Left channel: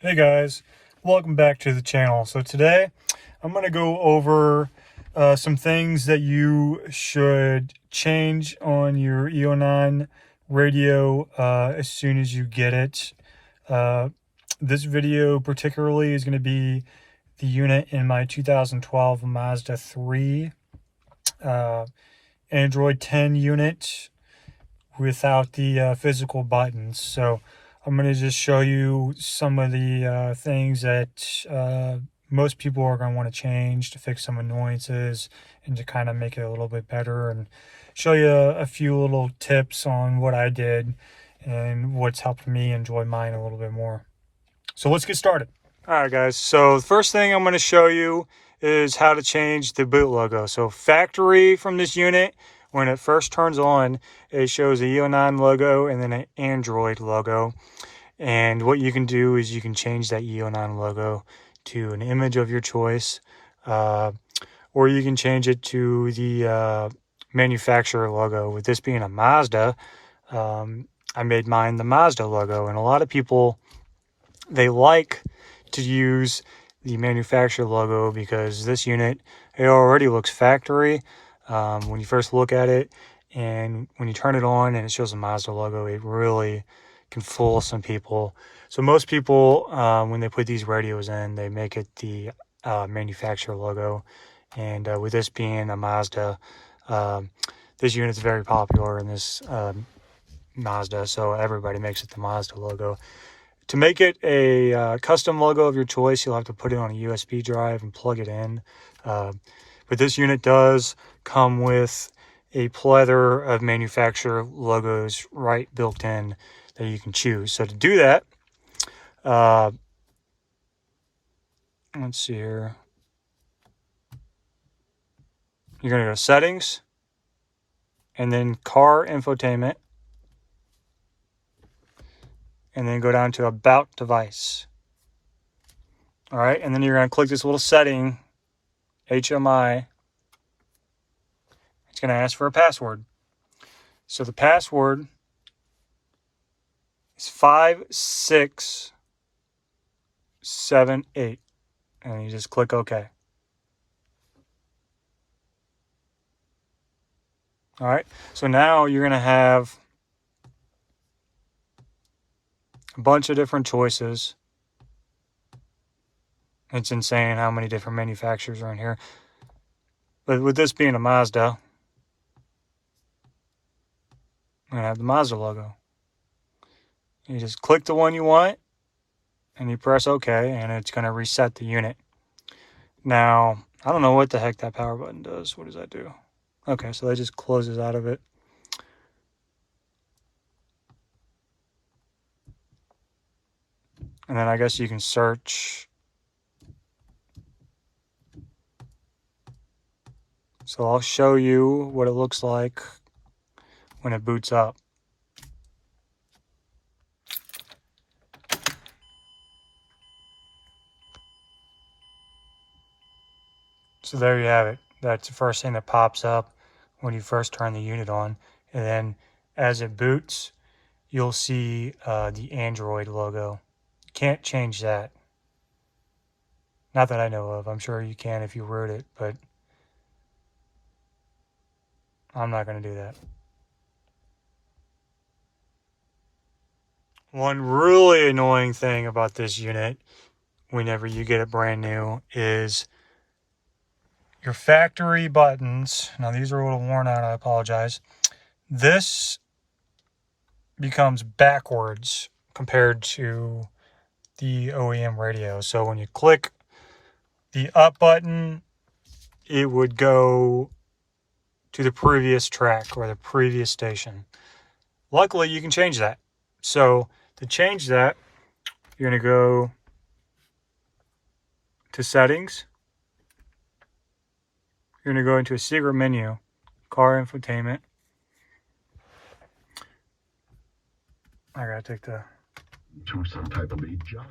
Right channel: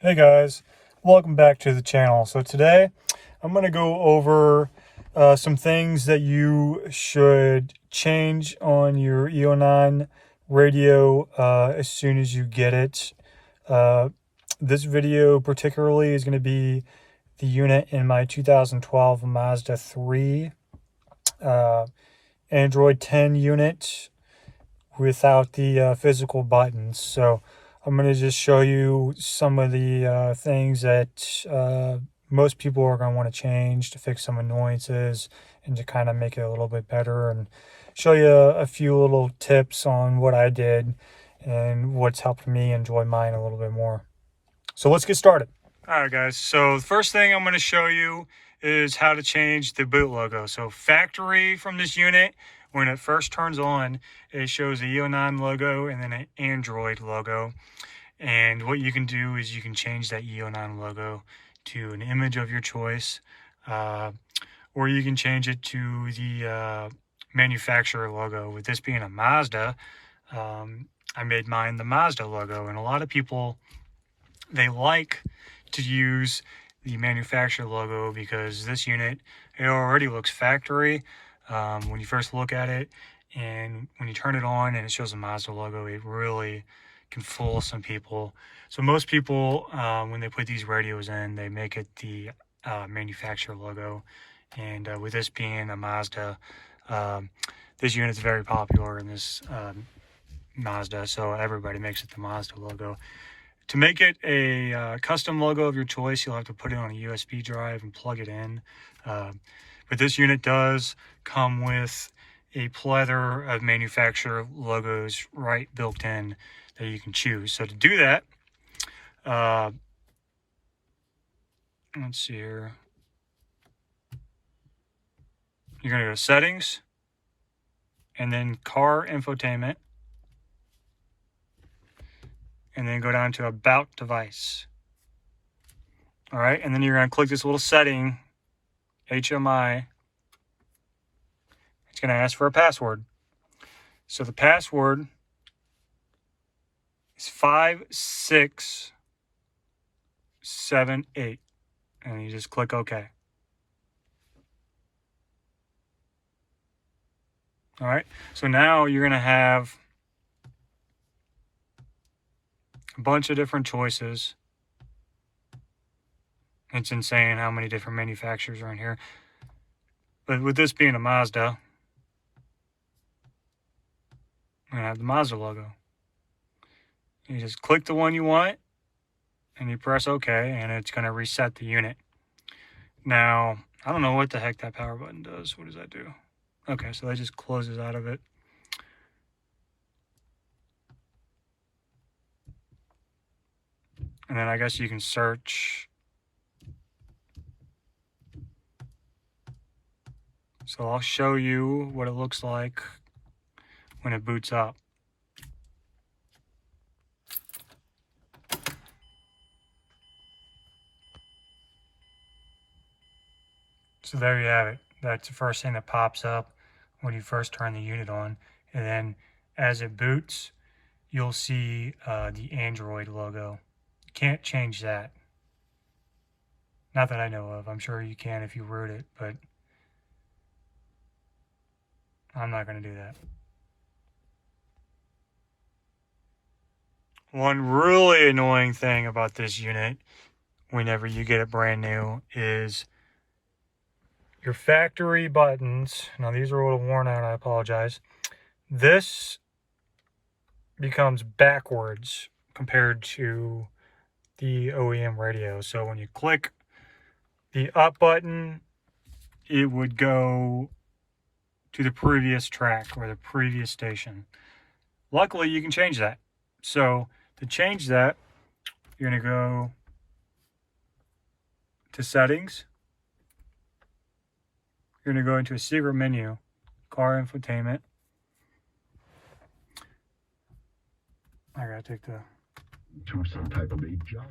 Hey guys, welcome back to the channel. So today I'm going to go over some things that you should change on your Eonon radio as soon as you get it. This video particularly is going to be the unit in my 2012 Mazda 3 Android 10 unit without the physical buttons. So I'm going to just show you some of the things that most people are going to want to change to fix some annoyances and to kind of make it a little bit better, and show you a few little tips on what I did and what's helped me enjoy mine a little bit more. So let's get started. All right, guys. So the first thing I'm going to show you is how to change the boot logo. So factory from this unit, when it first turns on, it shows a Eonon logo and then an Android logo. And what you can do is you can change that Eonon logo to an image of your choice, or you can change it to the manufacturer logo. With this being a Mazda, I made mine the Mazda logo, and a lot of people, they like to use the manufacturer logo because this unit, it already looks factory when you first look at it, and when you turn it on and it shows a Mazda logo, it really can fool some people. So most people, when they put these radios in, they make it the manufacturer logo. And with this being a Mazda, this unit's very popular in this Mazda, so everybody makes it the Mazda logo. To make it a custom logo of your choice, you'll have to put it on a USB drive and plug it in. But this unit does come with a plethora of manufacturer logos right built in that you can choose. So to do that, let's see here. You're going to go to Settings, and then Car Infotainment, and then go down to About Device. All right, and then you're going to click this little setting, HMI. It's going to ask for a password. So the password is 5678, and you just click OK. All right, so now you're going to have a bunch of different choices. It's insane how many different manufacturers are in here. But with this being a Mazda, I'm going to have the Mazda logo. You just click the one you want, and you press OK, and it's going to reset the unit. Now, I don't know what the heck that power button does. What does that do? Okay, so that just closes out of it. And then I guess you can search. So I'll show you what it looks like when it boots up. So there you have it. That's the first thing that pops up when you first turn the unit on. And then as it boots, you'll see the Android logo. You can't change that. Not that I know of. I'm sure you can if you root it, but I'm not going to do that. One really annoying thing about this unit, whenever you get it brand new, is your factory buttons. Now these are a little worn out, I apologize. This becomes backwards compared to the OEM radio. So when you click the up button, it would go to the previous track or the previous station. Luckily, you can change that. So to change that, you're going to go to Settings. You're going to go into a secret menu, Car Infotainment. I got to take the some type of a job.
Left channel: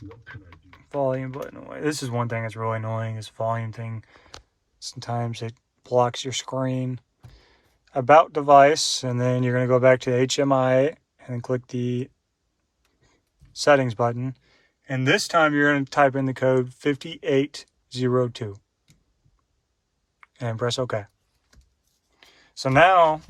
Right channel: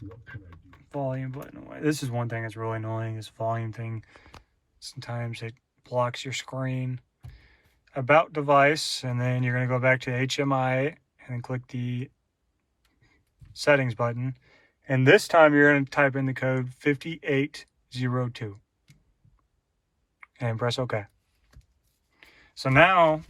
What can I do? Volume button away. This is one thing that's really annoying, this volume thing. Sometimes it blocks your screen. About Device, and then you're going to go back to HMI and click the Settings button. And this time you're going to type in the code 5802 and press OK. So now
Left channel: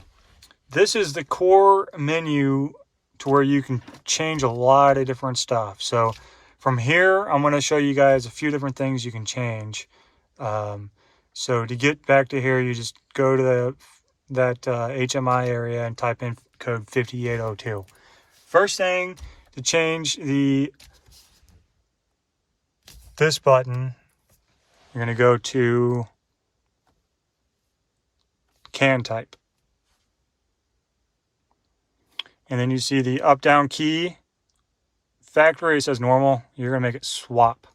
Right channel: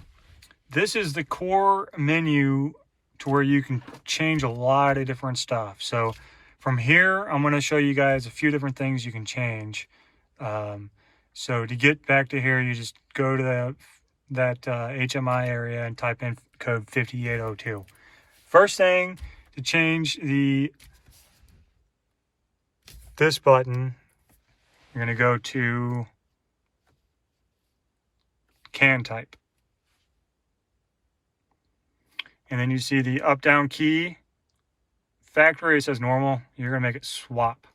this is the core menu to where you can change a lot of different stuff. So from here, I'm going to show you guys a few different things you can change. So to get back to here, you just go to that HMI area and type in code 5802. First thing to change this button, you're going to go to can type. And then you see the up down key. Factory, it says normal. You're going to make it swap.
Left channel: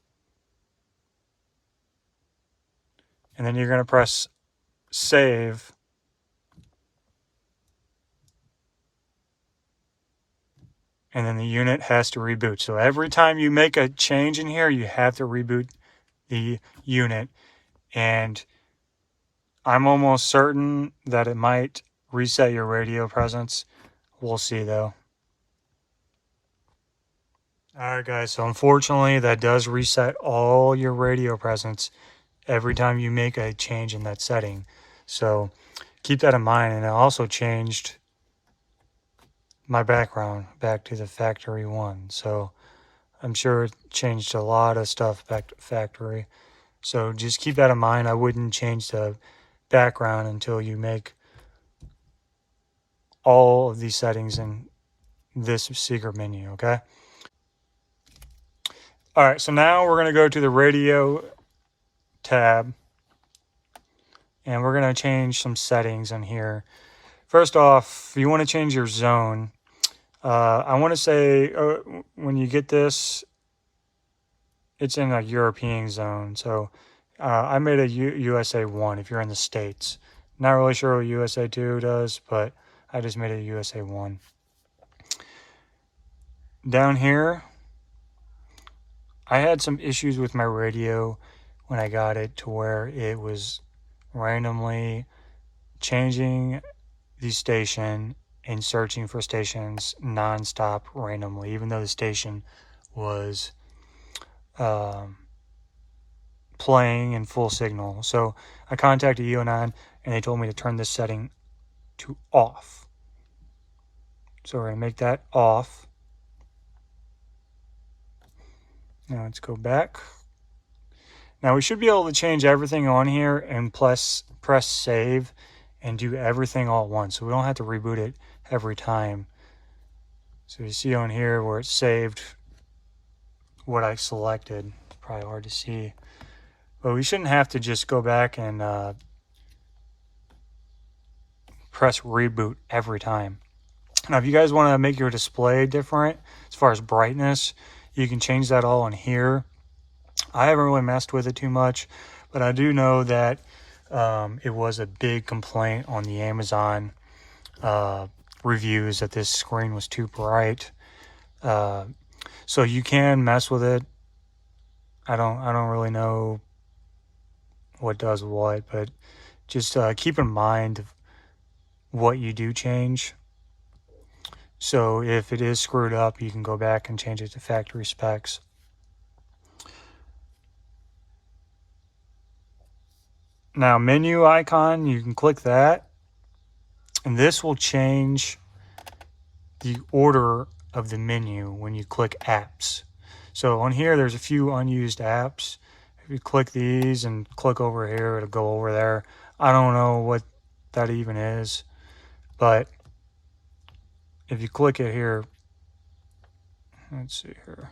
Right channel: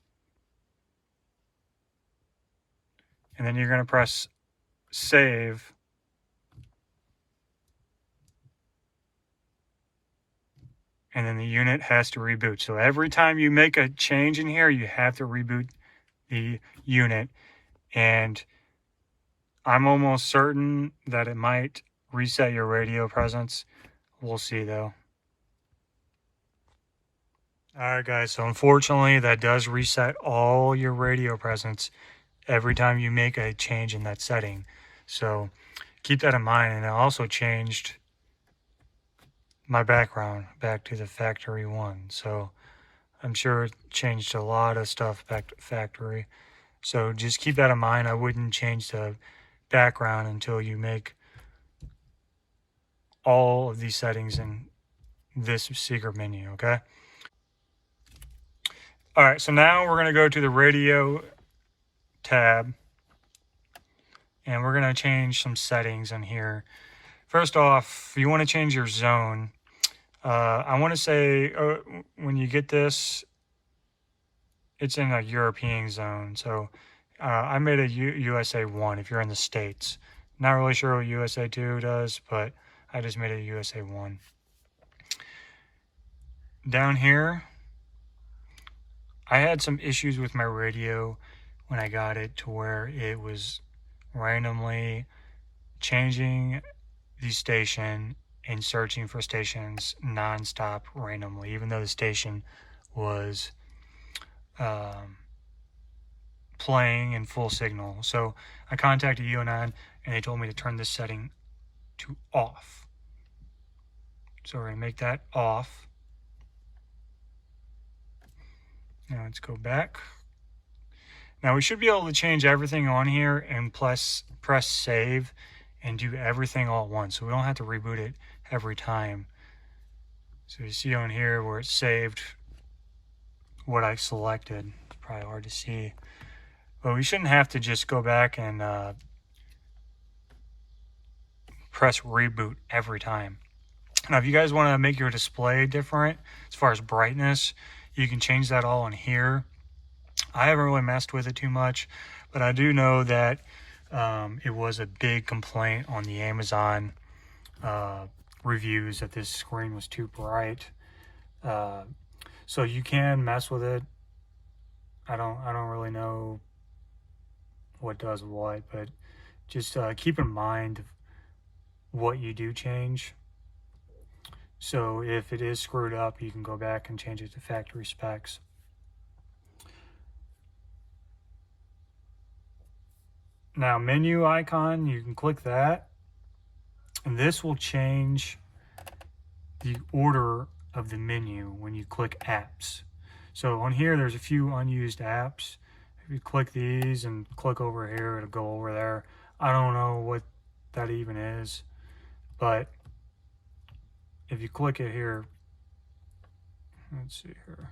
And then you're going to press save. And then the unit has to reboot. So every time you make a change in here, you have to reboot the unit. And I'm almost certain that it might reset your radio presence. We'll see though. Alright guys, so unfortunately that does reset all your radio presence every time you make a change in that setting. So keep that in mind. And I also changed my background back to the factory one. So I'm sure it changed a lot of stuff back to factory. So just keep that in mind. I wouldn't change the background until you make all of these settings in this secret menu, okay? All right, so now we're going to go to the radio tab and we're going to change some settings in here. First off, you want to change your zone. I want to say when you get this, it's in a European zone. So I made a USA 1 if you're in the States. Not really sure what USA 2 does, but I just made a USA 1. Down here, I had some issues with my radio when I got it to where it was randomly changing the station and searching for stations non-stop randomly, even though the station was playing in full signal. So I contacted Eonon and they told me to turn this setting to off. So we're going to make that off. Now let's go back. Now we should be able to change everything on here and press save and do everything all at once. So we don't have to reboot it every time. So you see on here where it's saved what I selected. It's probably hard to see. But we shouldn't have to just go back and press reboot every time. Now if you guys want to make your display different as far as brightness, you can change that all in here. I haven't really messed with it too much, but I do know that it was a big complaint on the Amazon reviews that this screen was too bright. So you can mess with it. I don't really know what does what, but just keep in mind what you do change. So if it is screwed up, you can go back and change it to factory specs. Now menu icon, you can click that and this will change the order of the menu when you click apps. So on here there's a few unused apps. If you click these and click over here, it'll go over there. I don't know what that even is, but if you click it here, let's see here.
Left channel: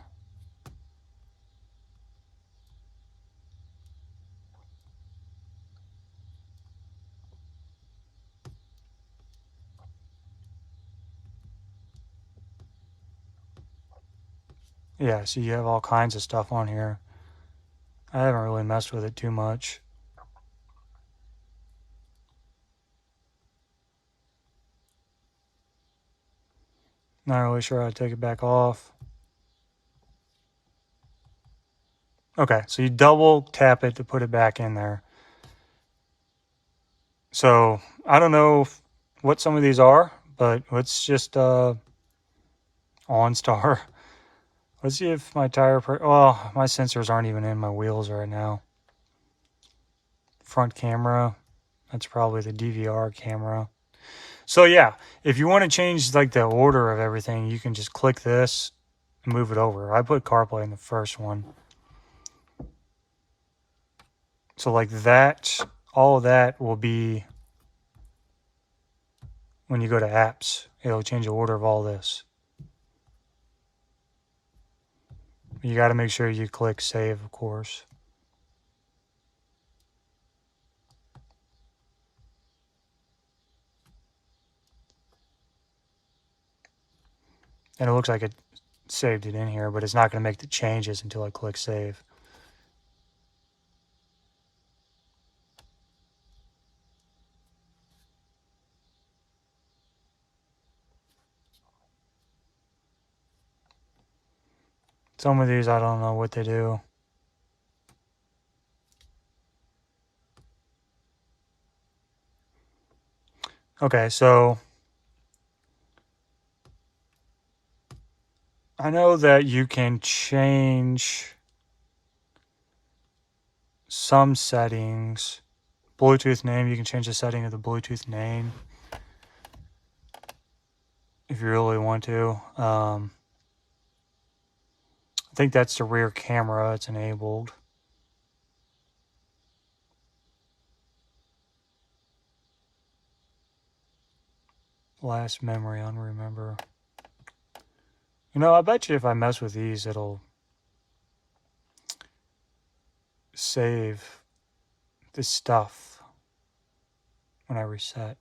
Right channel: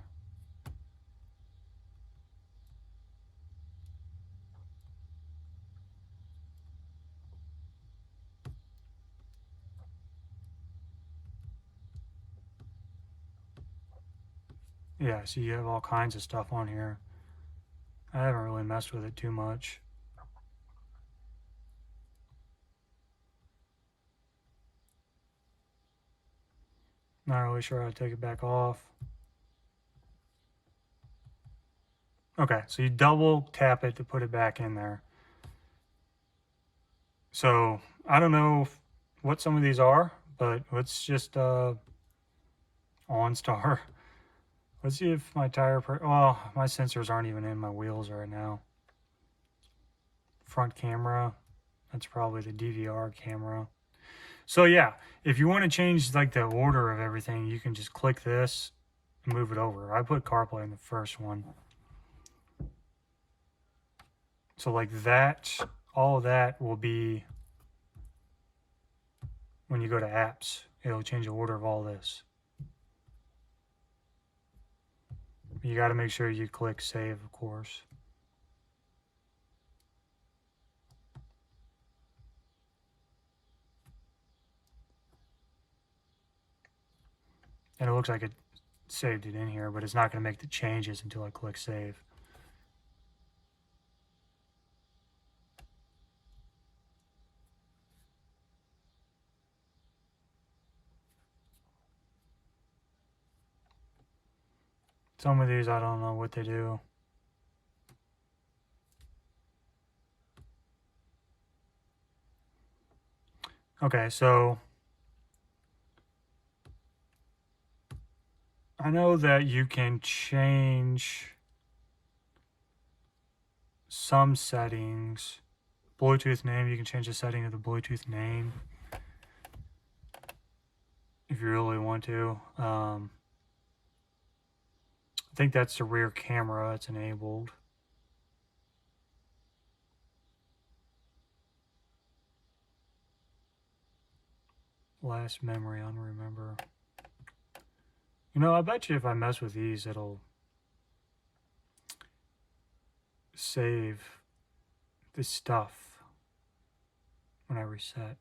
Yeah, so you have all kinds of stuff on here. I haven't really messed with it too much. Not really sure how to take it back off. Okay, so you double tap it to put it back in there. So I don't know what some of these are, but let's just OnStar. Let's see if my tire... Oh, my sensors aren't even in my wheels right now. Front camera. That's probably the DVR camera. So yeah, if you want to change like the order of everything, you can just click this and move it over. I put CarPlay in the first one. So like that, all of that will be when you go to apps. It'll change the order of all this. You got to make sure you click save, of course. And it looks like it saved it in here, but it's not going to make the changes until I click save. Some of these, I don't know what they do. Okay, so I know that you can change some settings. Bluetooth name, you can change the setting of the Bluetooth name if you really want to. I think that's the rear camera. It's enabled. Last memory on remember. You know, I bet you if I mess with these, it'll save this stuff when I reset.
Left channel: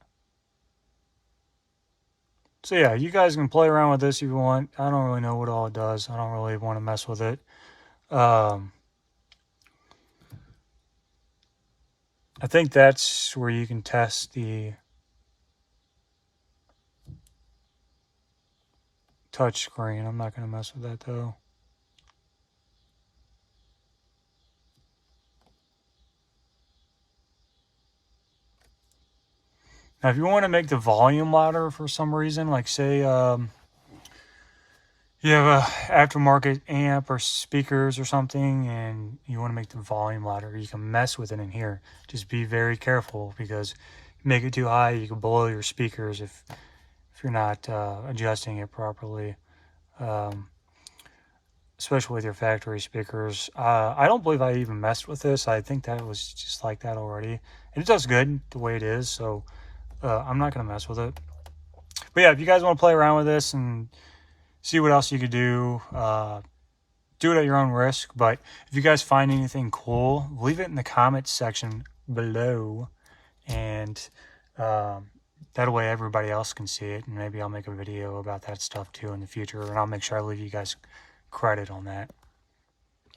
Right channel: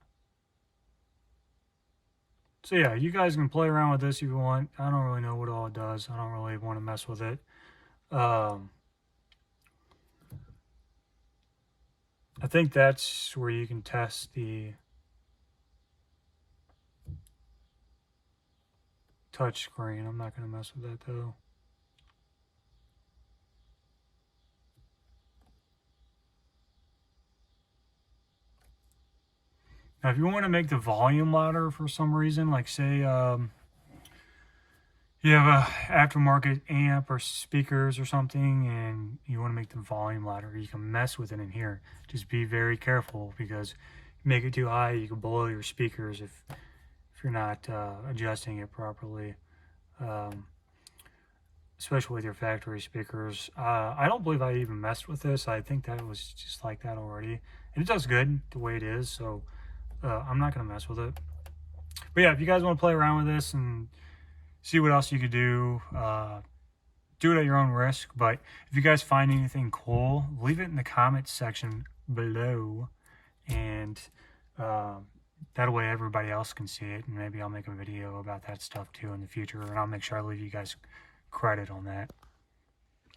So yeah, you guys can play around with this if you want. I don't really know what all it does. I don't really want to mess with it. I think that's where you can test the touch screen. I'm not going to mess with that though. Now, if you want to make the volume louder for some reason, like say you have a aftermarket amp or speakers or something, and you want to make the volume louder, you can mess with it in here. Just be very careful, because if you make it too high, you can blow your speakers if you're not adjusting it properly. Especially with your factory speakers. I don't believe I even messed with this. I think that was just like that already. And it does good the way it is, so I'm not going to mess with it. But yeah, if you guys want to play around with this and see what else you could do, do it at your own risk. But if you guys find anything cool, leave it in the comments section below. And that way everybody else can see it. And maybe I'll make a video about that stuff too in the future. And I'll make sure I leave you guys credit on that.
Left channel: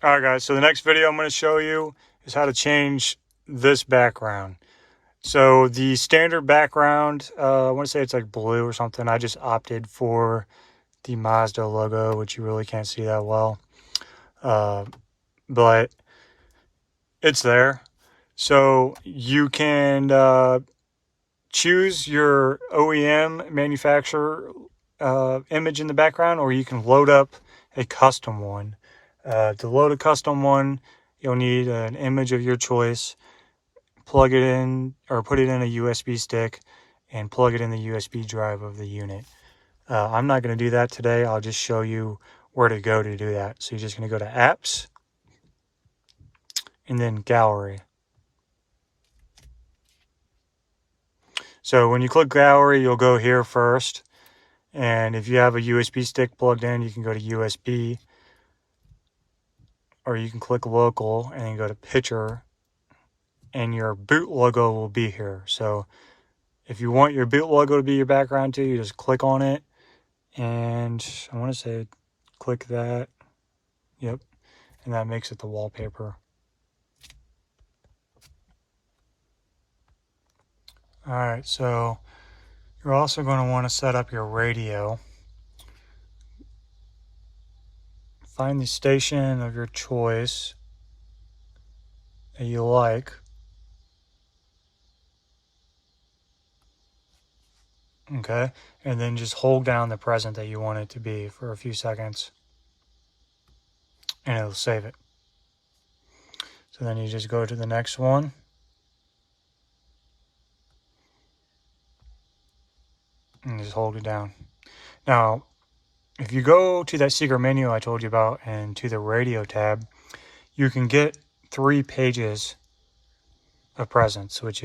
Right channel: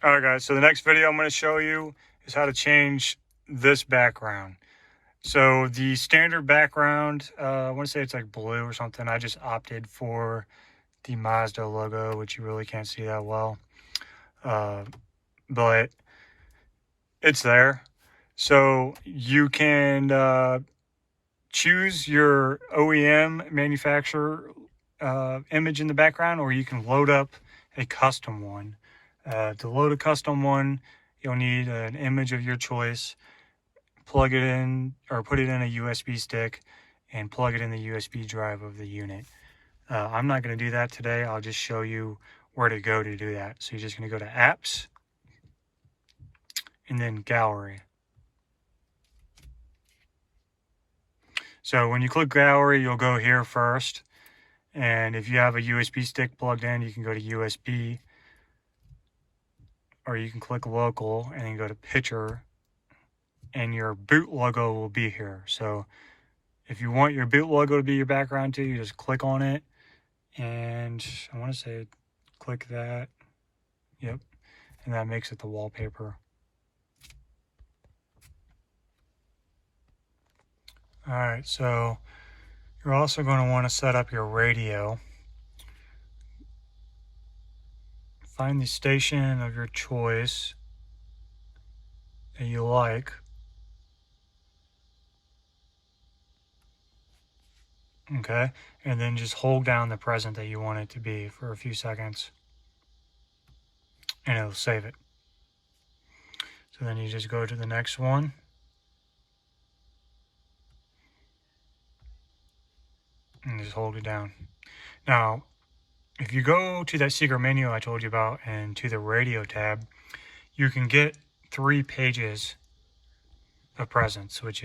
Alright guys, so the next video I'm going to show you is how to change this background. So the standard background, I want to say it's like blue or something. I just opted for the Mazda logo, which you really can't see that well. But it's there. So you can choose your OEM manufacturer image in the background, or you can load up a custom one. To load a custom one, you'll need an image of your choice, plug it in, or put it in a USB stick, and plug it in the USB drive of the unit. I'm not going to do that today. I'll just show you where to go to do that. So you're just going to go to Apps, and then Gallery. So when you click Gallery, you'll go here first. And if you have a USB stick plugged in, you can go to USB, or you can click local and then go to picture, and your boot logo will be here. So if you want your boot logo to be your background too, you just click on it, and I want to say click that. Yep. And that makes it the wallpaper. Alright, so you're also going to want to set up your radio. Find the station of your choice that you like. Okay, and then just hold down the present that you want it to be for a few seconds. and it'll save it. So then you just go to the next one. And just hold it down. Now, if you go to that secret menu I told you about and to the radio tab, you can get 3 pages of presents, which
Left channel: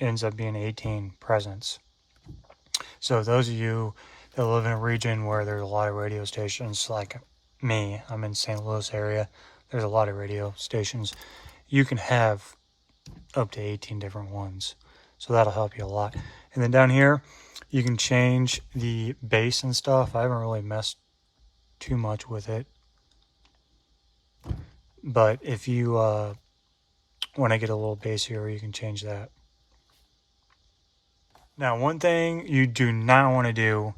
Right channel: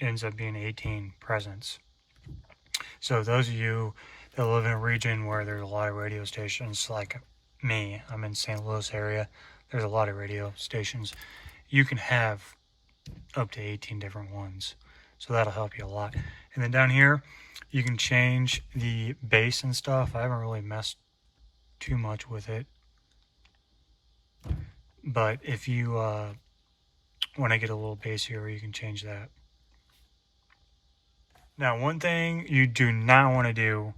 ends up being 18 presents. So those of you that live in a region where there's a lot of radio stations, like me, I'm in St. Louis area, there's a lot of radio stations, you can have up to 18 different ones. So that'll help you a lot. And then down here, you can change the bass and stuff. I haven't really messed too much with it. But if you want to get a little bassier, you can change that. Now, one thing you do not want to do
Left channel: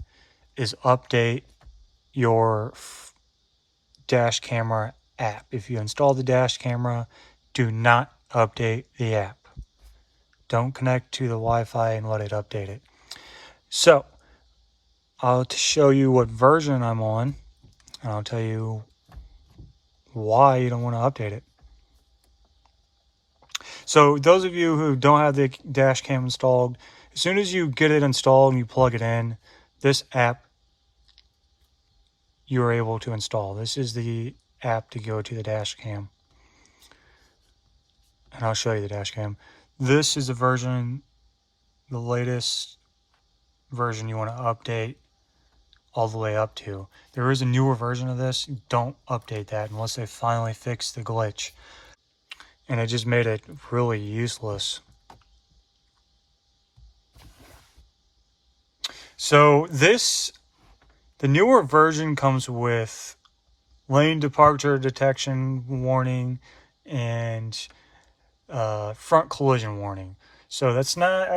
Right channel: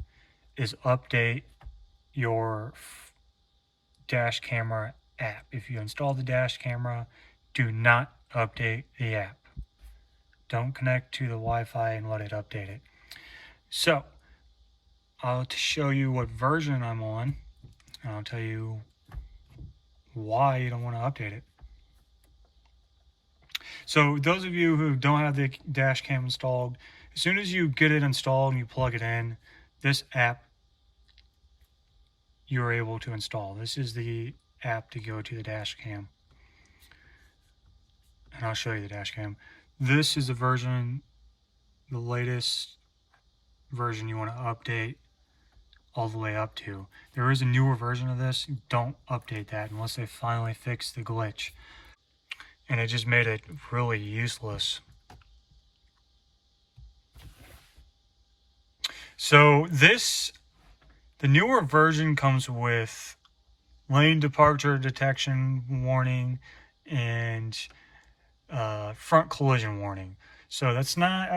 is update your dash camera app. If you install the dash camera, do not update the app. Don't connect to the Wi-Fi and let it update it. So, I'll show you what version I'm on, and I'll tell you why you don't want to update it. So, those of you who don't have the dash cam installed, as soon as you get it installed and you plug it in, this app you're able to install. This is the app to go to the dash cam. And I'll show you the dash cam. This is the version, the latest version you want to update all the way up to. There is a newer version of this. Don't update that unless they finally fix the glitch. And it just made it really useless. So the newer version comes with lane departure detection warning and front collision warning. So that's not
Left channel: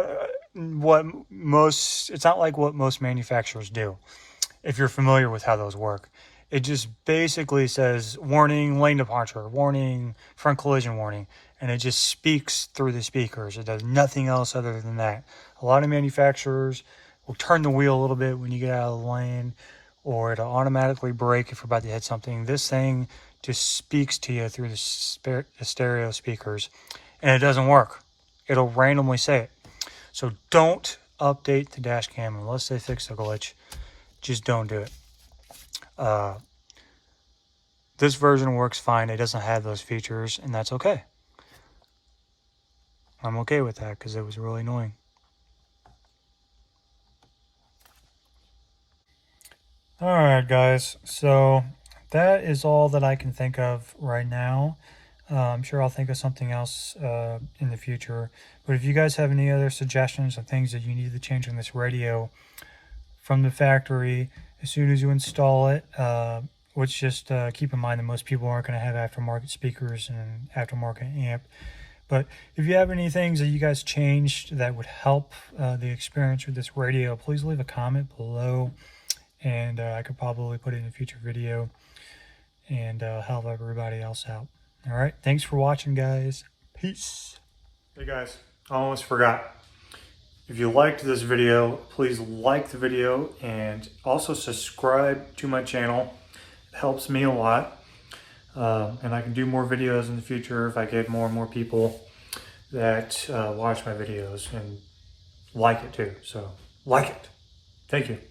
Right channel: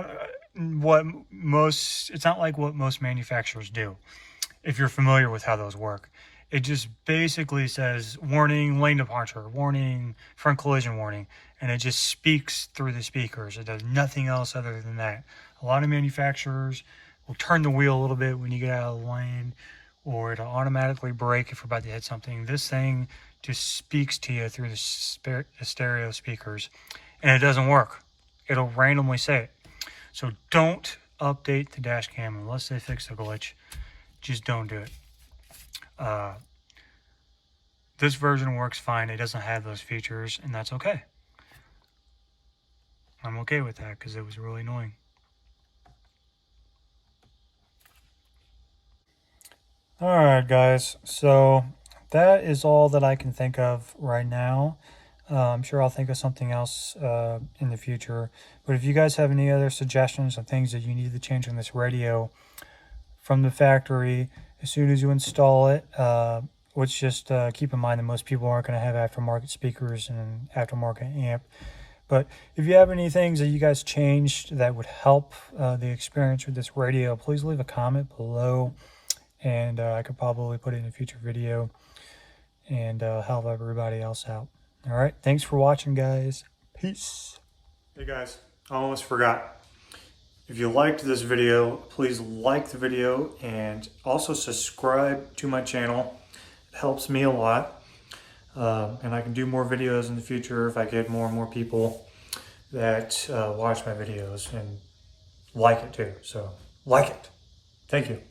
it's not like what most manufacturers do. If you're familiar with how those work, it just basically says warning, lane departure, warning, front collision warning, and it just speaks through the speakers. It does nothing else other than that. A lot of manufacturers will turn the wheel a little bit when you get out of the lane, or it'll automatically brake if you're about to hit something. This thing just speaks to you through the stereo speakers, and it doesn't work. It'll randomly say it. So don't update the dash cam unless they fix the glitch. Just don't do it. This version works fine. It doesn't have those features, and that's okay. I'm okay with that because it was really annoying. Alright guys, so that is all that I can think of right now. I'm sure I'll think of something else in the future. But if you guys have any other suggestions of things that you need to change on this radio from the factory, as soon as you install it, which just keep in mind that most people aren't going to have aftermarket speakers and aftermarket amp. But if you have any things that you guys changed that would help the experience with this radio, please leave a comment below. And I could probably put it in a future video and help everybody else out. All right. Thanks for watching, guys. Peace. Hey, guys. I almost forgot. If you liked this video, please like the video and also subscribe to my channel. It helps me a lot. And I can do more videos in the future if I get more and more people that watch my videos and like it too. So like it. Thank you.